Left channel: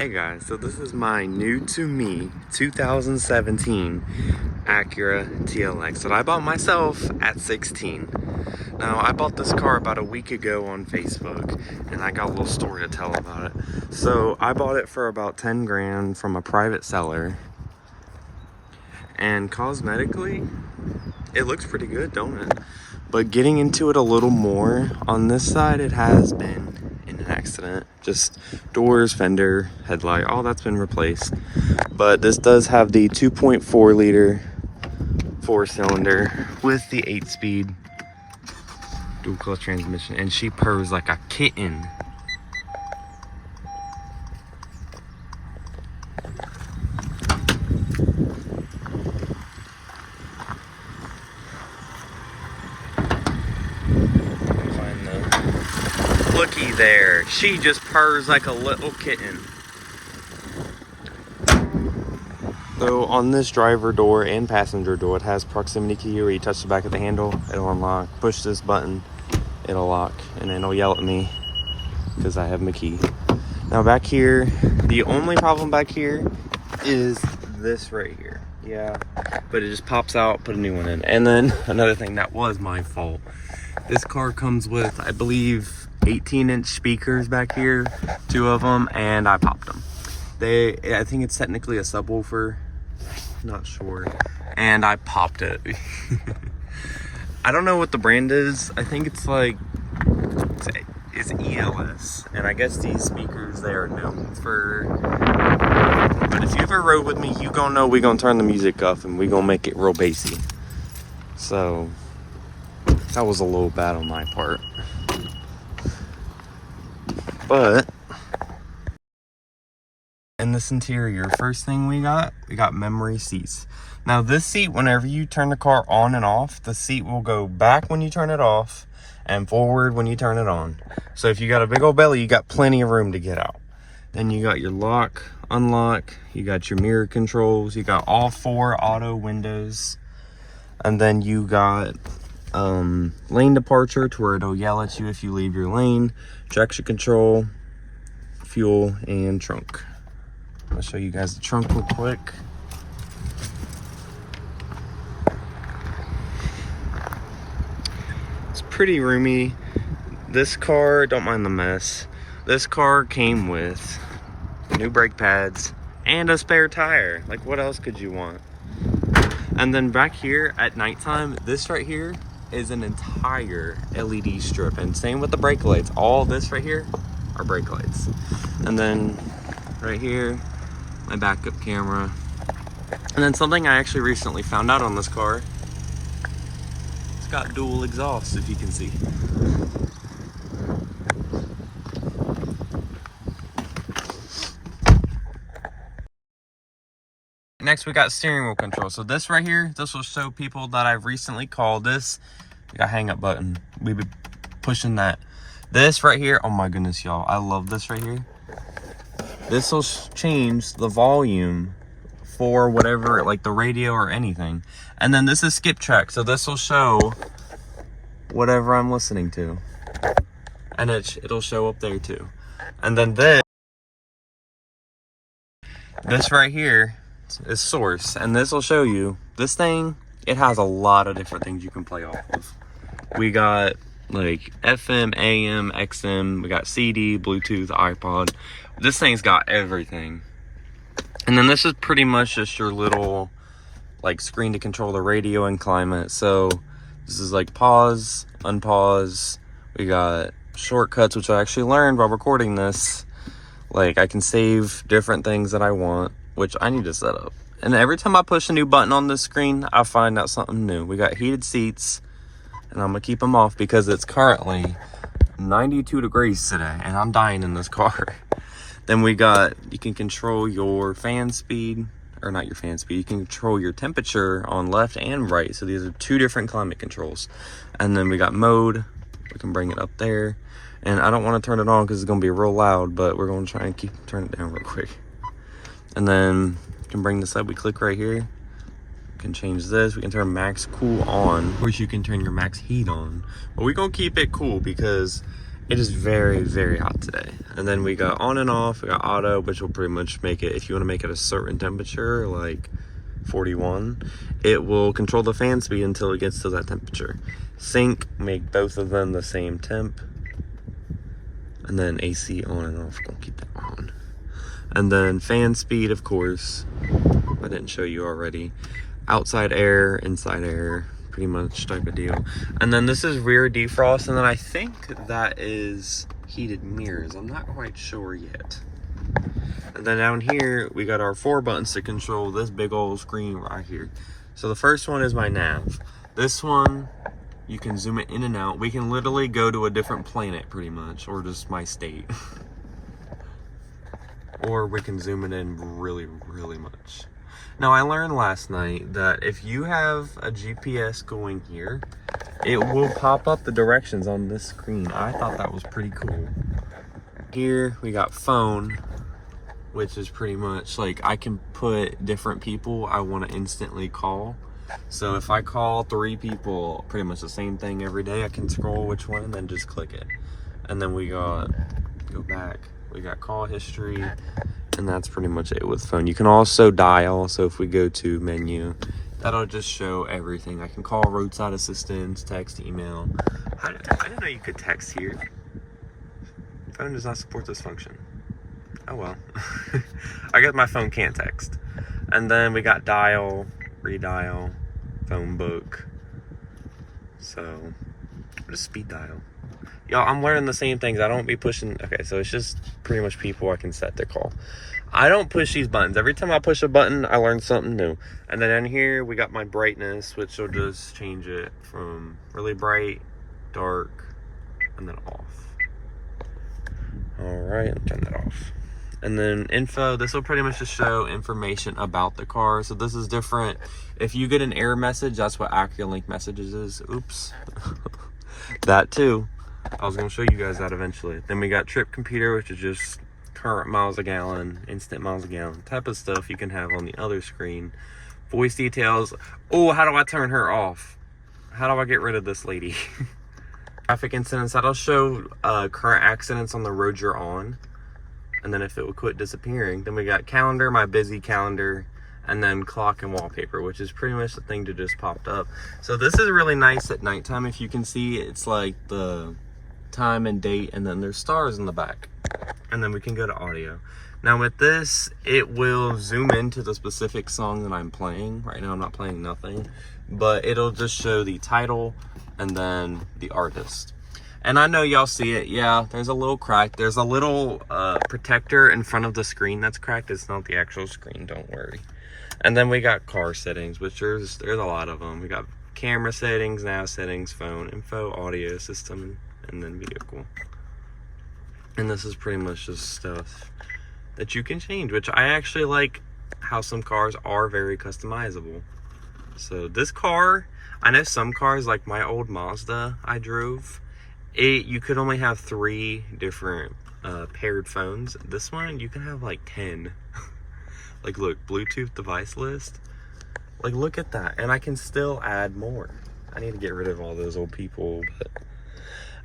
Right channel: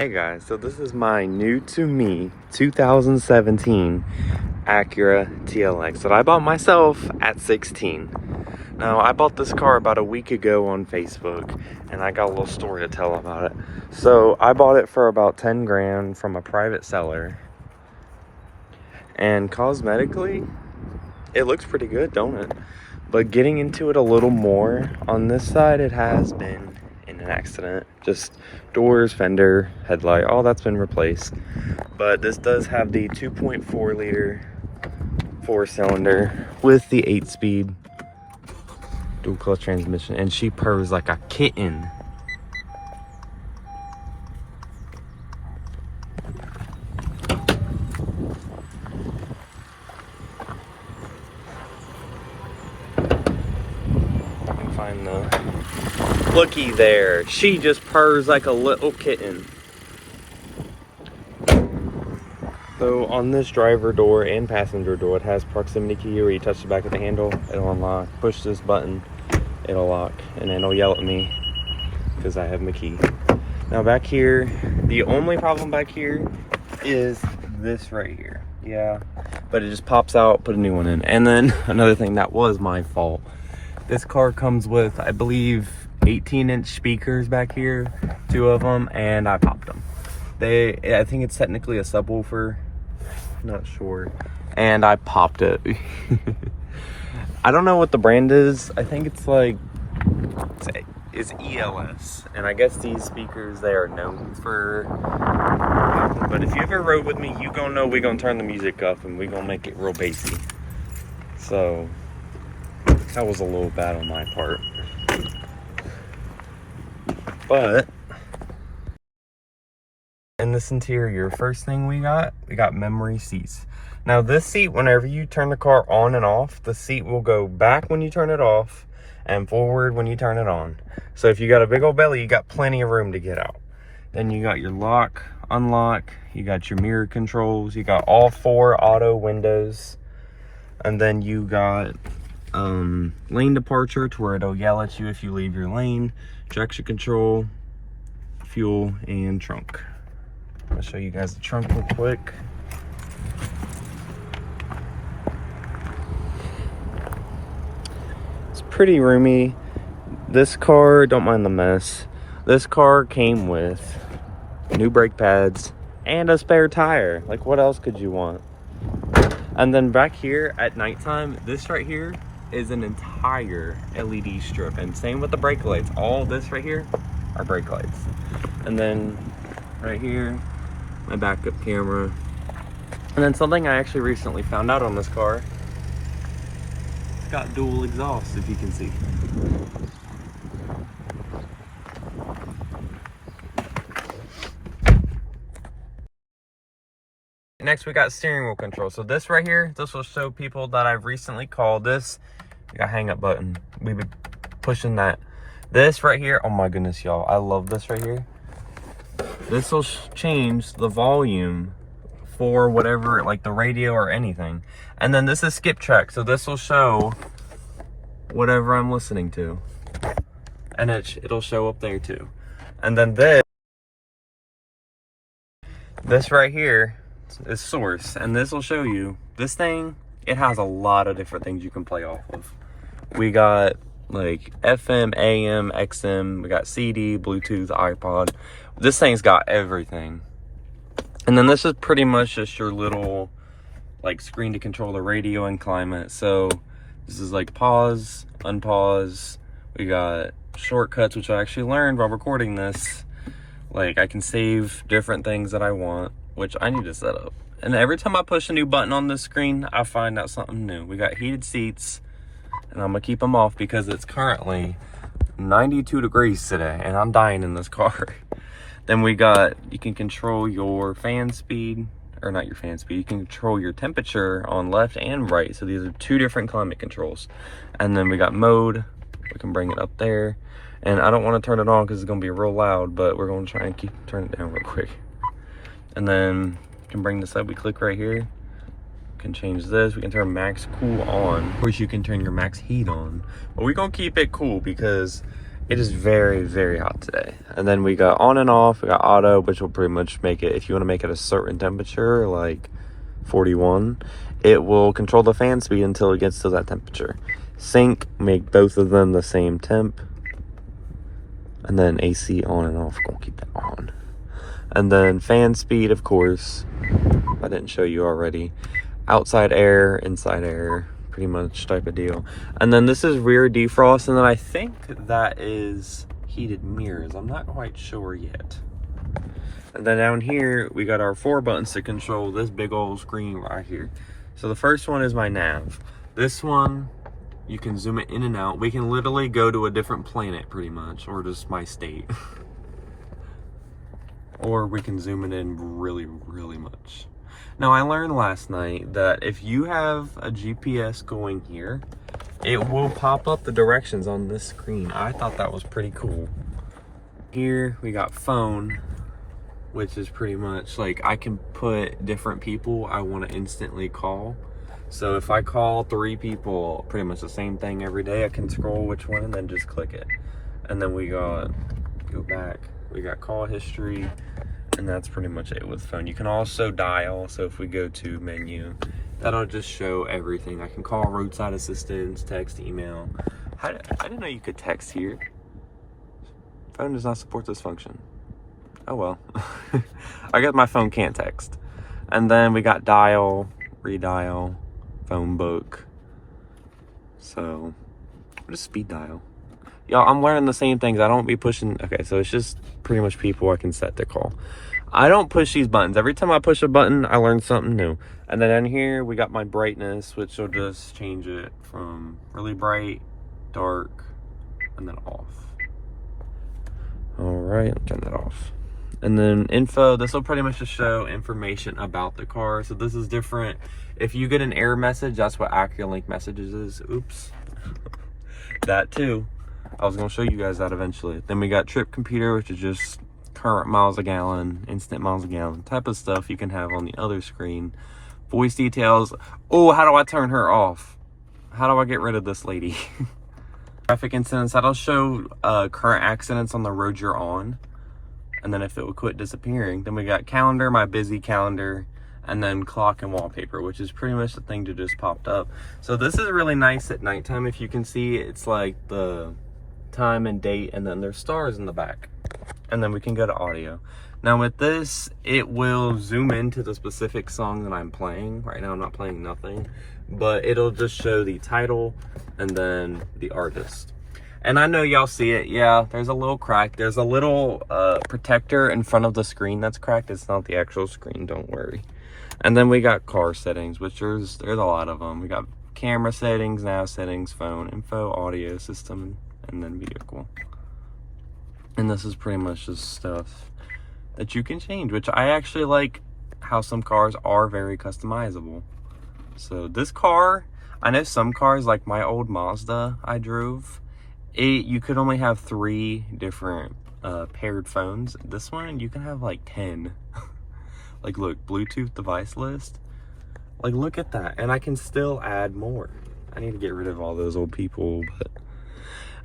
Hey guys, so this is my new to me 2017 Acura TLX that I bought myself at 16. Now I bought this car about a week ago on Facebook and I got a little story to tell about it. So I bought it for about 10 grand from a private seller, and cosmetically it looks pretty good, don't it? But getting into it a little more, on this side it has been in an accident. Just doors, fender, headlight, all that's been replaced. But this does have the 2.4 liter 4-cylinder with the 8-speed dual clutch transmission, and she purrs like a kitten. Looky there, she just purrs like a little kitten. So on this driver door and passenger door, it has proximity key where you touch the back of the handle, it'll unlock. Push this button, it'll lock, and then it'll yell at me because I have my key. Now back here, the only problem back here is this right here. Yeah, but it just pops out, put a new one in. And then another thing that was my fault. This car comes with, I believe, 18-inch speakers back here, 2 of them, and I popped them. I think it's technically a subwoofer, not sure, and I popped it. I don't know what the brand is. I think it's like, it's ELS, and I guess these speakers, they are known for, but if you ever rode with me, you gonna know we gonna turn the music up and we gonna make it real bassy. So that was a little bad on my part. But in this interior, first thing we got memory seats. Now this seat, whenever you turn the car on and off, the seat will go back when you turn it off and forward when you turn it on. So if you got a big old belly, you got plenty of room to get out. Then you got your lock, unlock, you got your mirror controls, you got all 4 auto windows, and then you got lane departure to where it'll yell at you if you leave your lane, traction control, fuel, and trunk. I'll show you guys the trunk real quick. It's pretty roomy. This car, don't mind the mess. This car came with new brake pads and a spare tire. Like, what else could you want? And then back here at nighttime, this right here is an entire LED strip, and same with the brake lights. All this right here are brake lights. And then right here, my backup camera. And then something I actually recently found out on this car, it's got dual exhaust, if you can see. Next, we got steering wheel control. So this right here, this will show people that I've recently called. This, we got hang up button. We've been pushing that. This right here, oh my goodness, y'all, I love this right here. This will change the volume for whatever, like the radio or anything. And then this is skip track, so this will show whatever I'm listening to, and it'll show up there too. And then this right here is source, and this will show you, this thing, it has a lot of different things you can play off of. We got like FM, AM, XM, we got CD, Bluetooth, iPod. This thing's got everything. And then this is pretty much just your little like screen to control the radio and climate. So this is like pause, unpause. We got shortcuts, which I actually learned while recording this. Like, I can save different things that I want, which I need to set up. And every time I push a new button on this screen, I find out something new. We got heated seats, and I'm gonna keep them off because it's currently 92 degrees today, and I'm dying in this car. Then we got, you can control your fan speed, or not your fan speed, you can control your temperature on left and right. So these are 2 different climate controls. And then we got mode, we can bring it up there. And I don't want to turn it on because it's going to be real loud, but we're going to try and turn it down real quick. And then you can bring this up, we click right here. We can change this, we can turn max cool on. Of course, you can turn your max heat on. But we're going to keep it cool because It is very, very hot today. And then we got on and off. We got auto, which will pretty much make it, if you want to make it a certain temperature, like 41, it will control the fan speed until it gets to that temperature. Sync, make both of them the same temp. And then AC on and off, gonna keep that on. And then fan speed, of course, I didn't show you already. Outside air, inside air, pretty much type of deal. And then this is rear defrost, and then I think that is heated mirrors. I'm not quite sure yet. And then down here, we got our 4 buttons to control this big old screen right here. So the first one is my nav. This one, you can zoom it in and out. We can literally go to a different planet pretty much, or just my state. Or we can zoom it in really, really much. Now, I learned last night that if you have a GPS going here, it will pop up the directions on this screen. I thought that was pretty cool. Here we got phone, which is pretty much like I can put different people I want to instantly call. So if I call 3 people, pretty much the same thing every day, I can scroll which one and then just click it. And then we got, go back, we got call history, and that's pretty much it with phone. You can also dial, so if we go to menu, that'll just show everything. I can call roadside assistance, text, email. I didn't know you could text here. Phone does not support this function. Oh well. I guess my phone can't text. And then we got dial, redial, phone book. So, just speed dial. Y'all, I'm learning the same things. I don't be pushing. Okay, so it's just pretty much people I can set to call. I don't push these buttons. Every time I push a button, I learn something new. And then in here, we got my brightness, which will just change it from really bright, dark, and then off. All right, I'll turn that off. And then info, this will pretty much just show information about the car. So this is different. If you get an error message, that's what Acura Link messages is. Oops. That too. I was gonna show you guys that eventually. Then we got trip computer, which is just current miles a gallon, instant miles a gallon type of stuff you can have on the other screen. Voice details. Oh, how do I turn her off? How do I get rid of this lady? Traffic incidents, that'll show current accidents on the road you're on. And then if it would quit disappearing. Then we got calendar, my busy calendar, and then clock and wallpaper, which is pretty much the thing that just popped up. So this is really nice at nighttime. If you can see, it's like the time and date, and then there's stars in the back. And then we can go to audio. Now with this, it will zoom into the specific song that I'm playing. Right now I'm not playing nothing, but it'll just show the title and then the artist. And I know y'all see it. Yeah, there's a little crack. There's a little protector in front of the screen that's cracked. It's not the actual screen, don't worry. And then we got car settings, which there's a lot of them. We got camera settings, nav settings, phone, info, audio system, and then vehicle. And this is pretty much just stuff that you can change, which I actually like how some cars are very customizable. So this car, I know some cars like my old Mazda I drove, you could only have 3 different paired phones. This one, you can have like 10. Like look, Bluetooth device list. Like look at that, and I can still add more. I need to get rid of all those old people, but...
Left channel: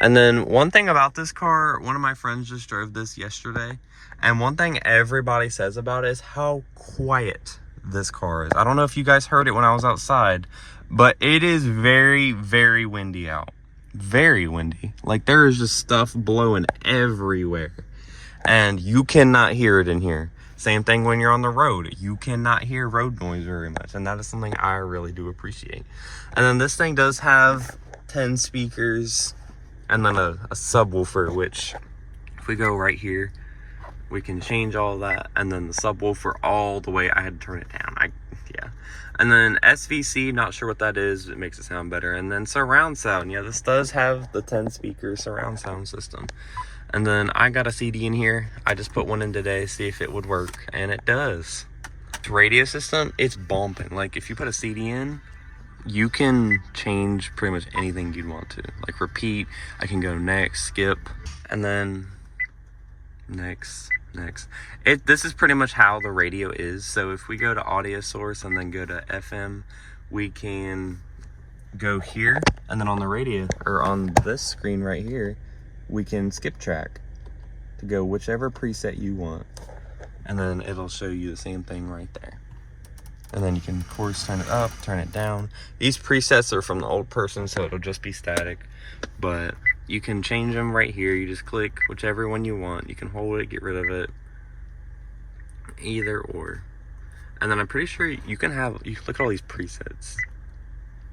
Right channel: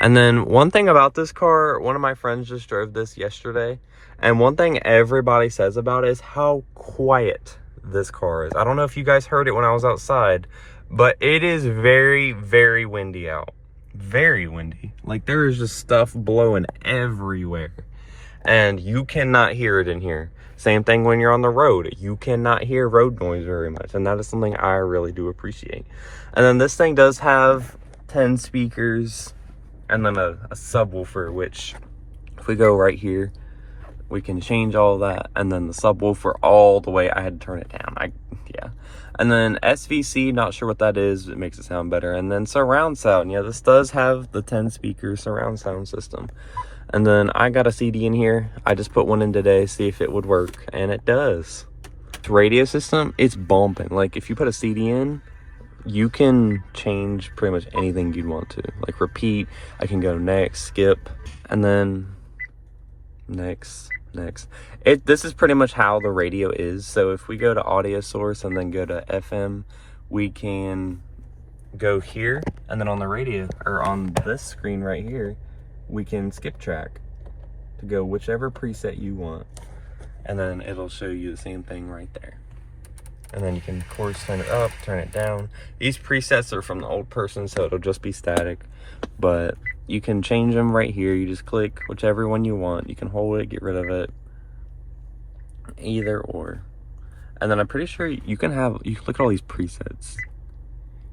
And then one thing about this car, one of my friends just drove this yesterday, and one thing everybody says about it is how quiet this car is. I don't know if you guys heard it when I was outside, but it is very, very windy out. Very windy. Like there is just stuff blowing everywhere, and you cannot hear it in here. Same thing when you're on the road. You cannot hear road noise very much, and that is something I really do appreciate. And then this thing does have 10 speakers and then a subwoofer, which if we go right here, we can change all that. And then the subwoofer all the way, I had to turn it down. Yeah. And then SVC, not sure what that is. It makes it sound better. And then surround sound. Yeah, this does have the 10 speaker surround sound system. And then I got a CD in here. I just put one in today, see if it would work, and it does. The radio system, it's bumping. Like if you put a CD in, you can change pretty much anything you'd want to. Like repeat, I can go next, skip, and then next. This is pretty much how the radio is. So if we go to audio source and then go to FM, we can go here, and then on the radio, or on this screen right here, we can skip track to go whichever preset you want. And then it'll show you the same thing right there. And then you can, of course, turn it up, turn it down. These presets are from the old person, so it'll just be static. But you can change them right here. You just click whichever one you want. You can hold it, get rid of it. Either or. And then I'm pretty sure you can have, you look at all these presets.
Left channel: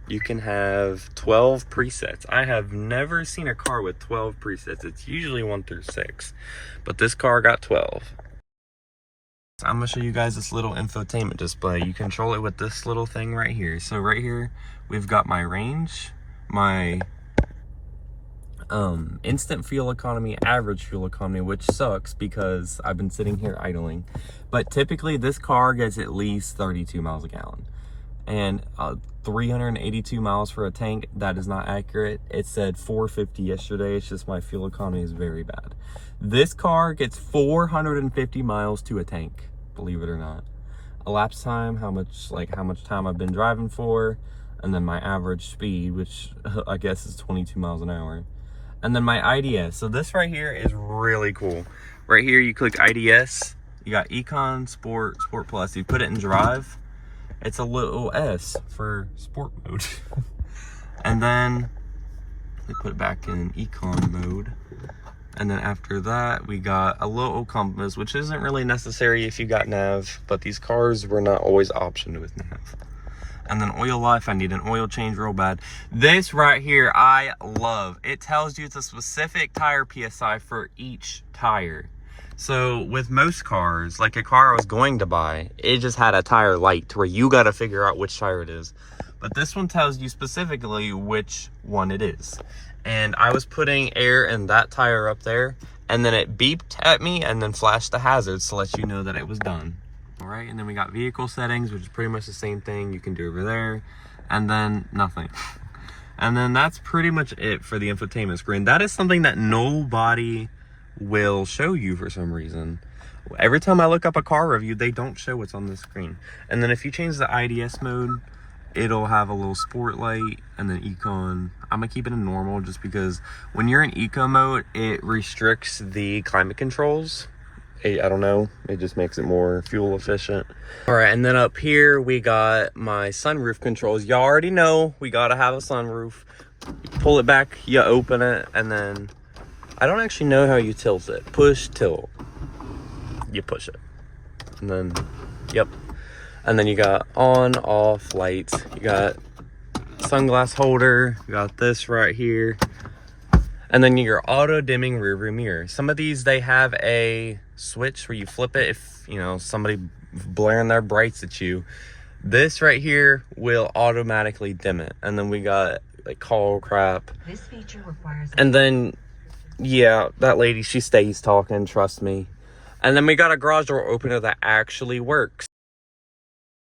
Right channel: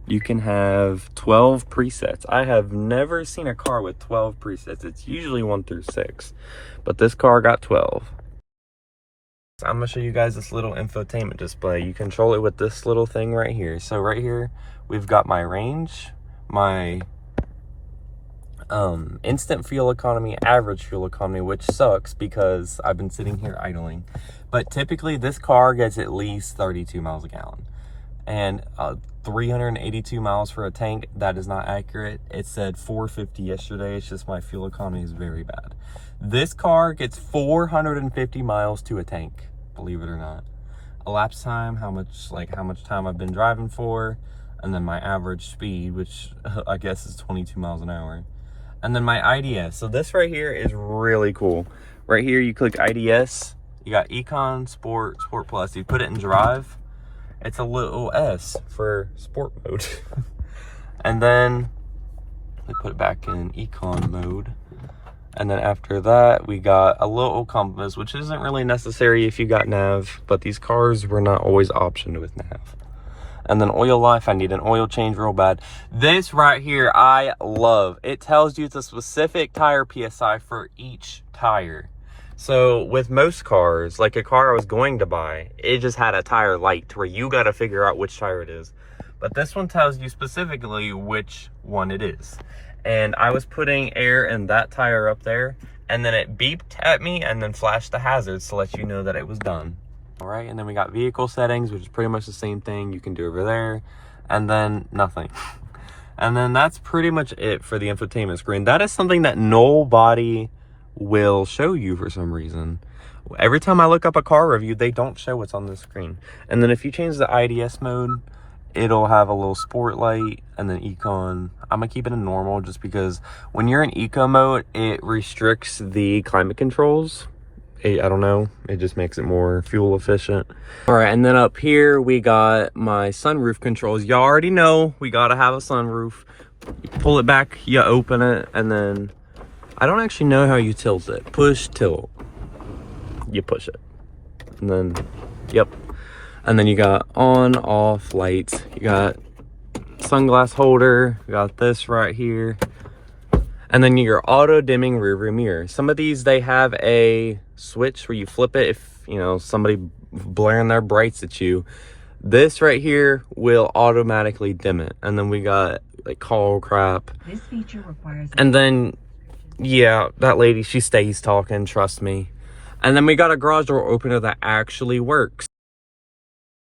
You can have 12 presets. I have never seen a car with 12 presets. It's usually 1 through 6. But this car got 12. So I'm gonna show you guys this little infotainment display. You control it with this little thing right here. So right here, we've got my range, my instant fuel economy, average fuel economy, which sucks because I've been sitting here idling. But typically this car gets at least 32 miles a gallon. And 382 miles for a tank, that is not accurate. It said 450 yesterday. It's just my fuel economy is very bad. This car gets 450 miles to a tank, believe it or not. Elapsed time, how much time I've been driving for, and then my average speed, which I guess is 22 miles an hour. And then my IDS. So this right here is really cool. Right here, you click IDS. You got Econ, Sport, Sport Plus. You put it in drive. It's a little S for sport mode. And then we put it back in Econ mode. And then after that, we got a little compass, which isn't really necessary if you got nav, but these cars were not always optioned with nav. And then oil life, I need an oil change real bad. This right here, I love. It tells you it's a specific tire PSI for each tire. So with most cars, like a car I was going to buy, it just had a tire light where you got to figure out which tire it is. But this one tells you specifically which one it is. And I was putting air in that tire up there, and then it beeped at me and then flashed the hazards to let you know that it was done. All right, and then we got vehicle settings, which is pretty much the same thing you can do over there, and then nothing. And then that's pretty much it for the infotainment screen. That is something that nobody will show you for some reason. Every time I look up a car review, they don't show what's on the screen. And then if you change the IDS mode, it'll have a little sport light, and then econ. I'm gonna keep it in normal just because when you're in eco mode, it restricts the climate controls. I don't know, it just makes it more fuel efficient. All right, and then up here we got my sunroof controls. Y'all already know we gotta have a sunroof. You pull it back, you open it, and then I don't actually know how you tilt it. Push, tilt. You push it. And then, yep. And then you got on, off lights. You got sunglass holder. You got this right here. And then your auto dimming rear view mirror. Some of these, they have a switch where you flip it if, you know, somebody blaring their brights at you. This right here will automatically dim it. And then we got like call crap. This feature requires. And then, yeah, that lady, she stays talking, trust me. And then we got a garage door opener that actually works.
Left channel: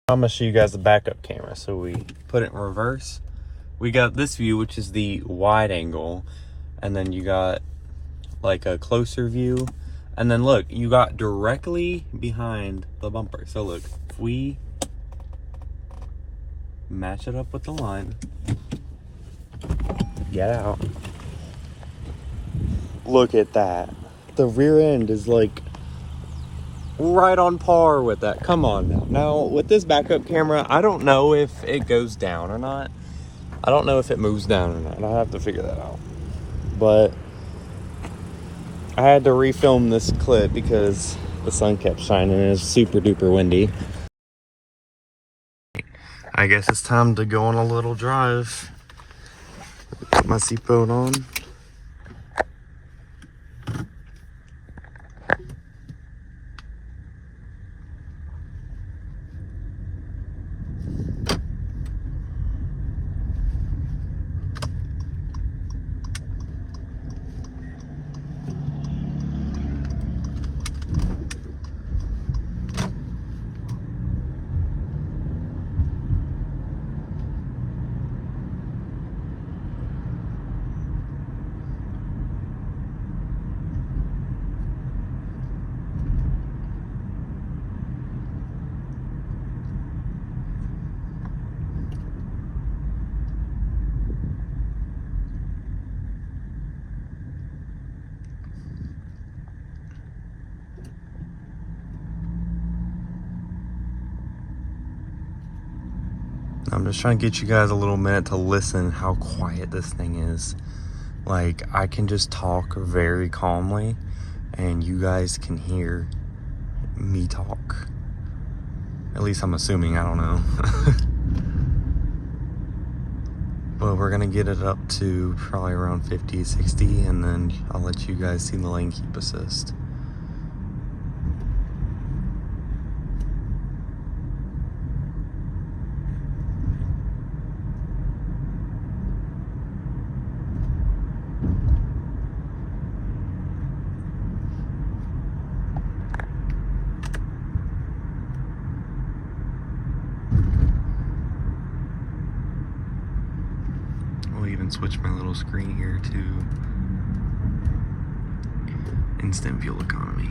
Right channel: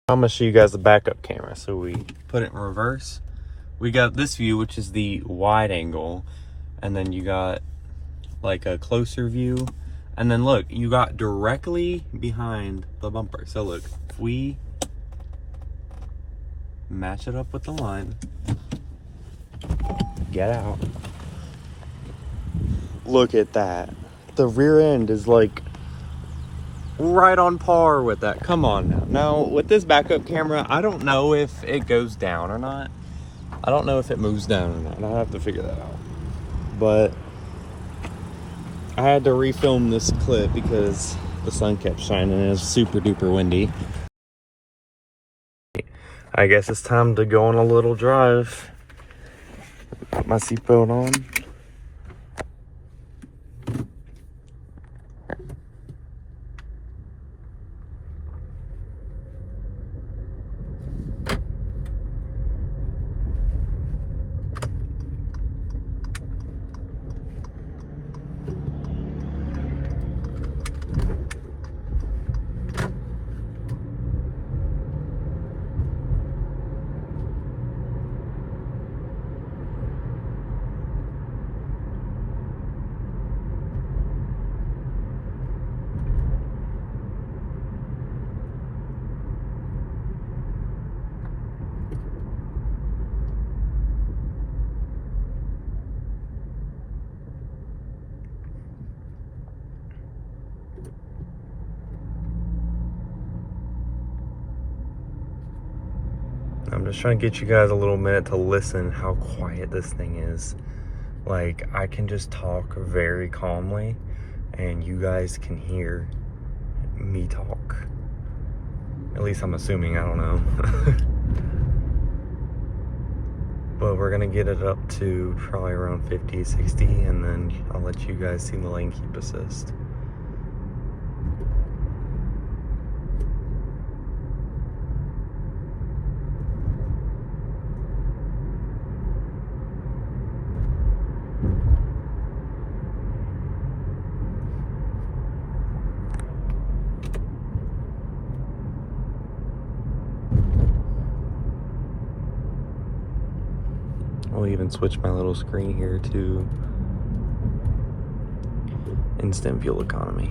I'm gonna show you guys the backup camera. So we put it in reverse. We got this view, which is the wide angle. And then you got like a closer view. And then look, you got directly behind the bumper. So look, if we match it up with the line, get out. Look at that. The rear end is like right on par with that. Come on now. Now with this backup camera, I don't know if it goes down or not. I don't know if it moves down or not. I have to figure that out. But I had to refilm this clip because the sun kept shining and it was super duper windy. I guess it's time to go on a little drive. Put my seatbelt on. I'm just trying to get you guys a little minute to listen how quiet this thing is. Like, I can just talk very calmly and you guys can hear me talk. At least I'm assuming, I don't know. But we're gonna get it up to probably around 50, 60, and then I'll let you guys see the lane keep assist. I'll even switch my little screen here to instant fuel economy.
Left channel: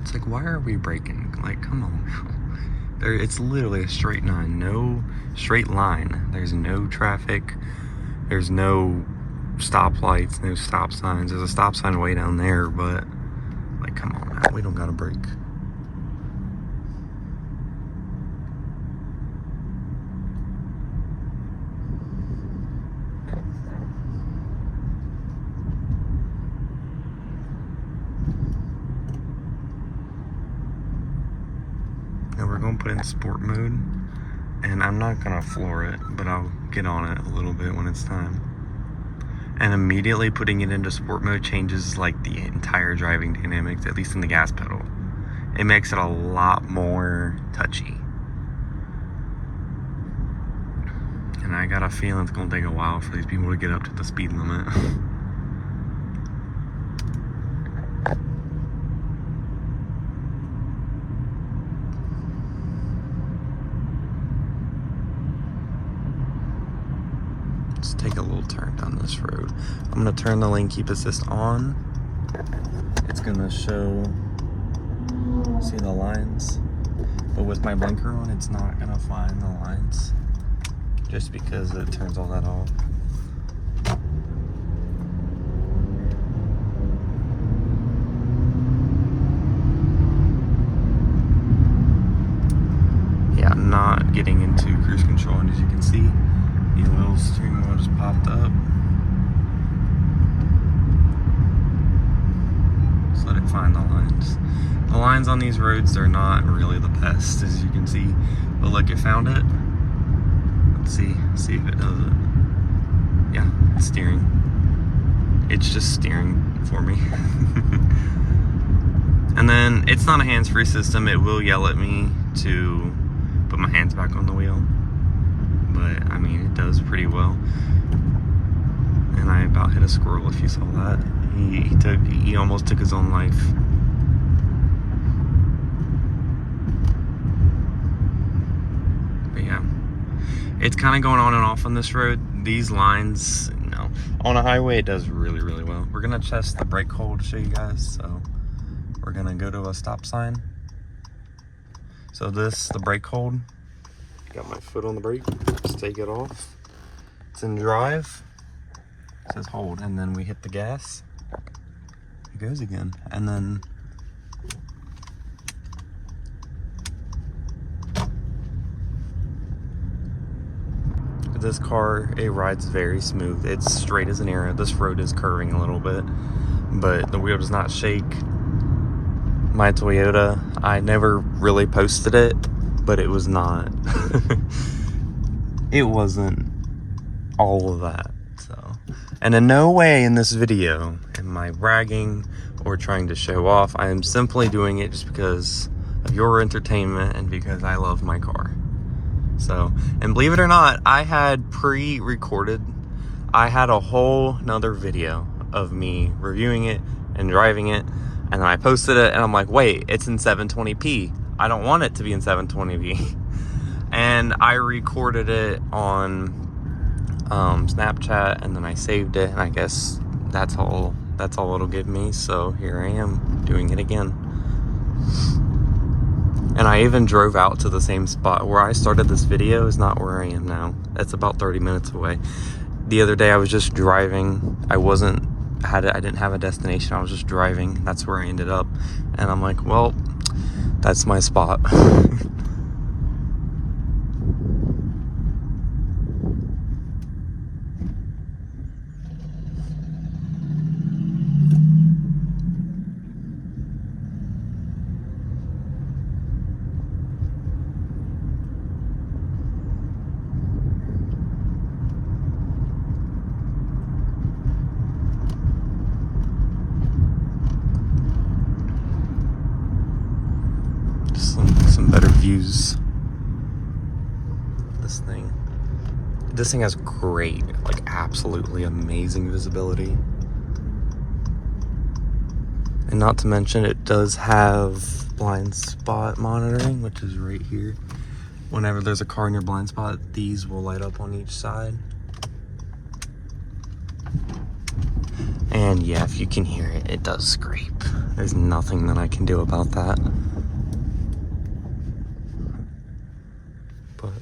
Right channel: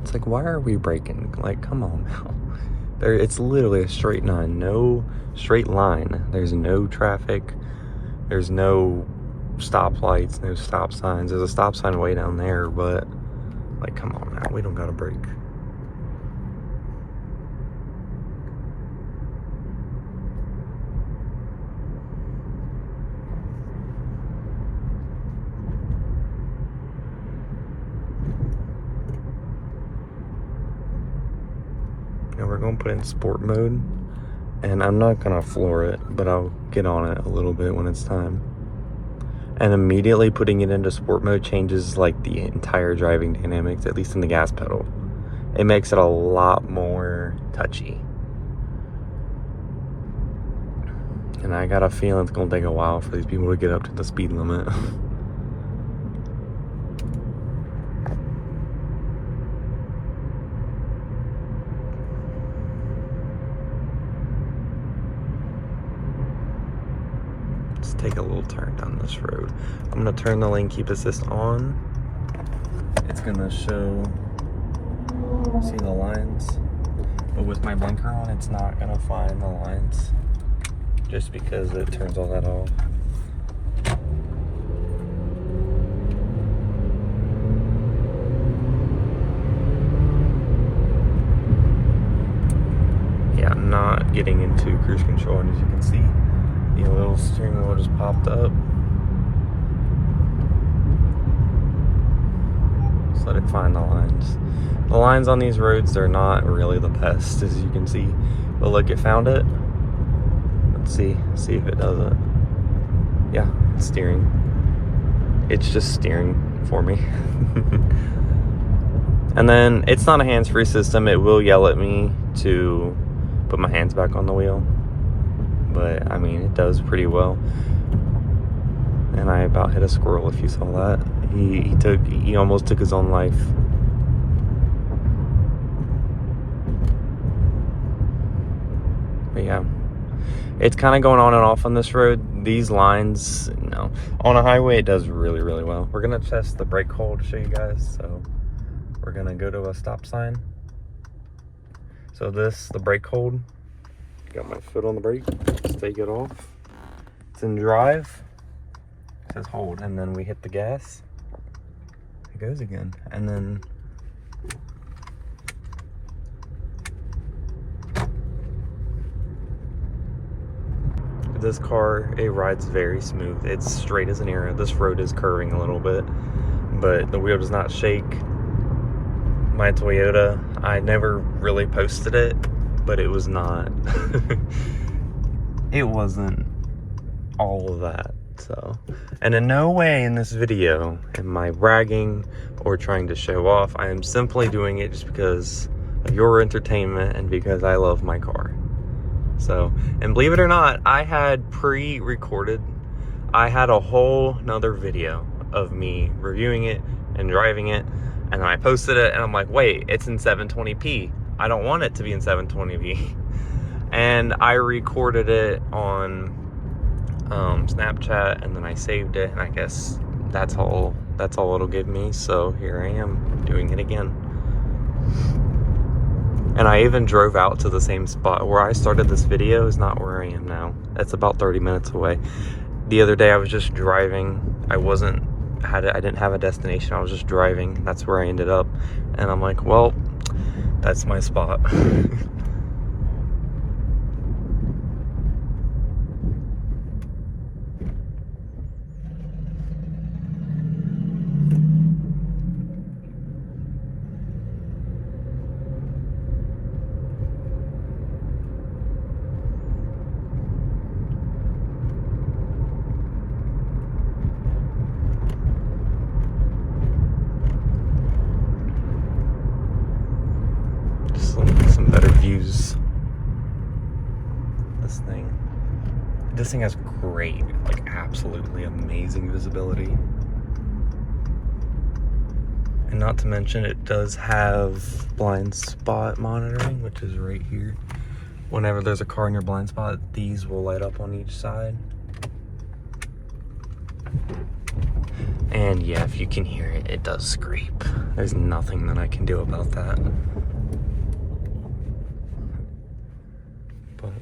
It's like, why are we braking? Like, come on now. It's literally a straight line, no straight line. There's no traffic. There's no stoplights, no stop signs. There's a stop sign way down there, but like, come on now, we don't gotta brake. Now we're gonna put it in sport mode, and I'm not gonna floor it, but I'll get on it a little bit when it's time. And immediately putting it into sport mode changes like the entire driving dynamics, at least in the gas pedal. It makes it a lot more touchy. And I got a feeling it's gonna take a while for these people to get up to the speed limit. Let's take a little turn down this road. I'm gonna turn the lane keep assist on. It's gonna show, see the lines, but with my blinker on, it's not gonna find the lines just because it turns all that off. Yeah, I'm not getting into cruise control, and as you can see, the little steering wheel just popped up. Just let it find the lines. The lines on these roads, they're not really the best, as you can see. But look, it found it. Let's see if it does it. Yeah, it's steering. It's just steering for me. And then it's not a hands-free system. It will yell at me to put my hands back on the wheel. But I mean, it does pretty well. And I about hit a squirrel, if you saw that. He almost took his own life. But yeah, it's kind of going on and off on this road. These lines, you know, on a highway, it does really, really well. We're gonna test the brake hold to show you guys. So we're gonna go to a stop sign. So the brake hold. Got my foot on the brake. Just take it off. It's in drive. It says hold, and then we hit the gas. It goes again, and then this car, it rides very smooth. It's straight as an arrow. This road is curving a little bit, but the wheel does not shake. My Toyota, I never really posted it, but it was not. It wasn't all of that. So, and in no way in this video am I bragging or trying to show off. I am simply doing it just because of your entertainment and because I love my car. So, and believe it or not, I had pre-recorded, I had a whole nother video of me reviewing it and driving it, and then I posted it and I'm like, wait, it's in 720p. I don't want it to be in 720p. And I recorded it on Snapchat, and then I saved it, and I guess that's all it'll give me. So here I am doing it again. And I even drove out to the same spot where I started this video. Is not where I am now. That's about 30 minutes away. The other day I was just driving. I didn't have a destination. I was just driving. That's where I ended up. And I'm like, well, that's my spot. Just some better views. This thing has great, like absolutely amazing visibility. And not to mention, it does have blind spot monitoring, which is right here. Whenever there's a car in your blind spot, these will light up on each side. And yeah, if you can hear it, it does scrape. There's nothing that I can do about that. But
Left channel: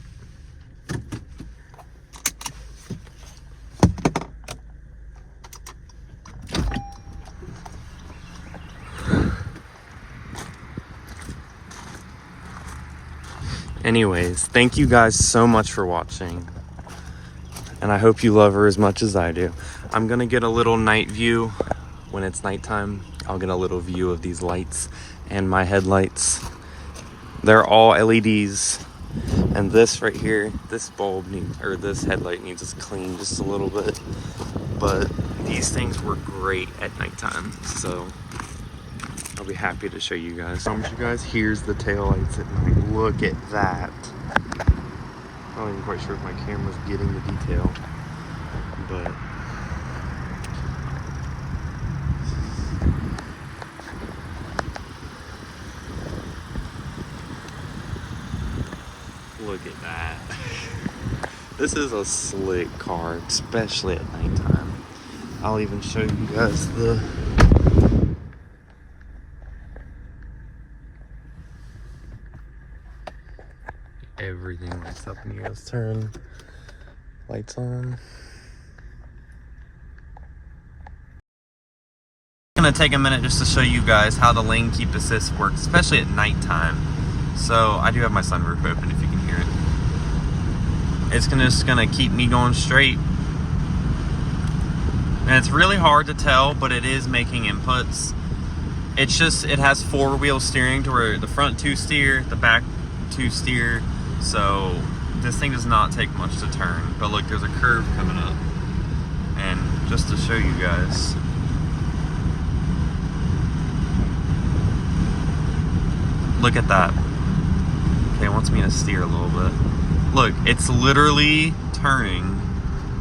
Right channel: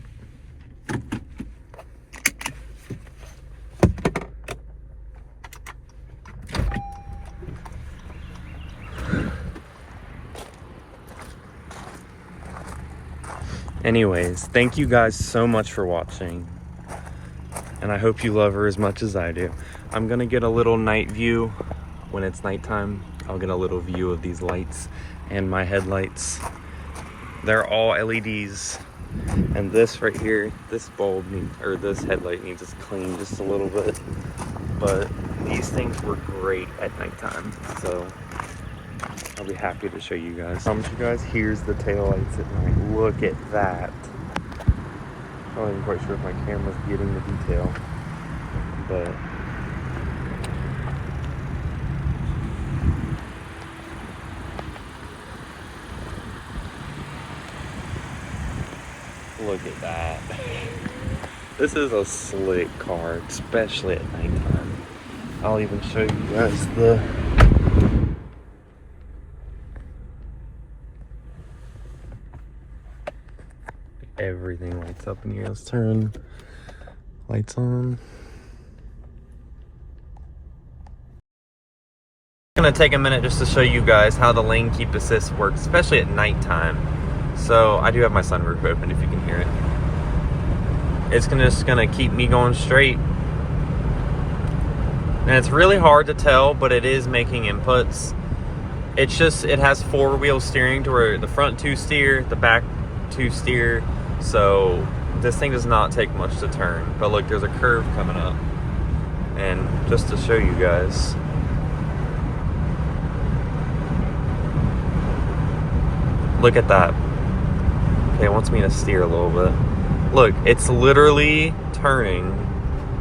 anyways, thank you guys so much for watching. And I hope you love her as much as I do. I'm gonna get a little night view when it's nighttime. I'll get a little view of these lights and my headlights. They're all LEDs. And this right here, this bulb needs, or this headlight needs to clean just a little bit. But these things work great at nighttime. So I'll be happy to show you guys. You guys, here's the taillights at night. Look at that. I'm not even quite sure if my camera's getting the detail, but look at that. This is a slick car, especially at nighttime. I'll even show you guys the everything lights up when you guys turn lights on. I'm gonna take a minute just to show you guys how the lane keep assist works, especially at nighttime. So I do have my sunroof open if you can hear it. It's just gonna keep me going straight. And it's really hard to tell, but it is making inputs. It's just, it has 4-wheel steering to where the front 2 steer, the back 2 steer. So this thing does not take much to turn. But look, there's a curve coming up. And just to show you guys. Look at that. Okay, it wants me to steer a little bit. Look, it's literally turning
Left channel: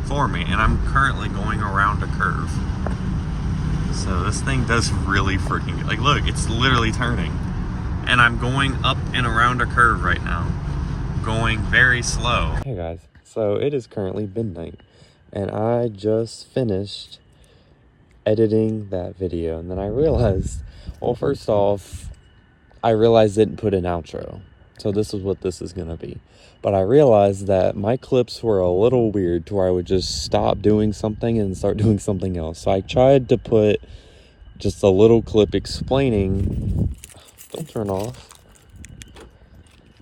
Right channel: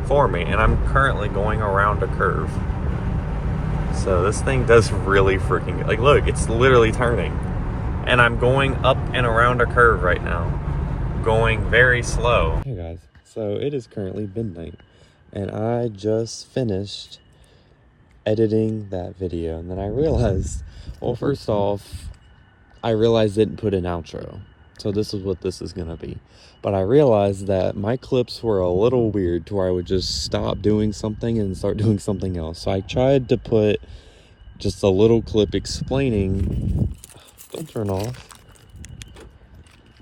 for me, and I'm currently going around a curve. So this thing does really freaking good. Like, look, it's literally turning. And I'm going up and around a curve right now. Going very slow. Hey guys, so it is currently midnight, and I just finished editing that video, and then I realized, well, first off, I realized I didn't put an outro. So this is what this is gonna be. But I realized that my clips were a little weird to where I would just stop doing something and start doing something else. So I tried to put just a little clip explaining, don't turn off,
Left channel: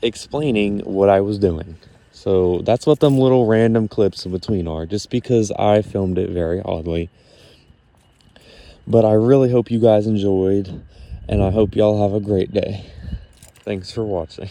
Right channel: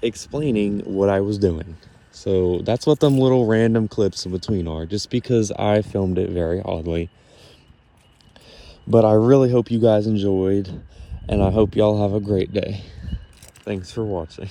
explaining what I was doing. So that's what them little random clips in between are, just because I filmed it very oddly. But I really hope you guys enjoyed, and I hope y'all have a great day. Thanks for watching.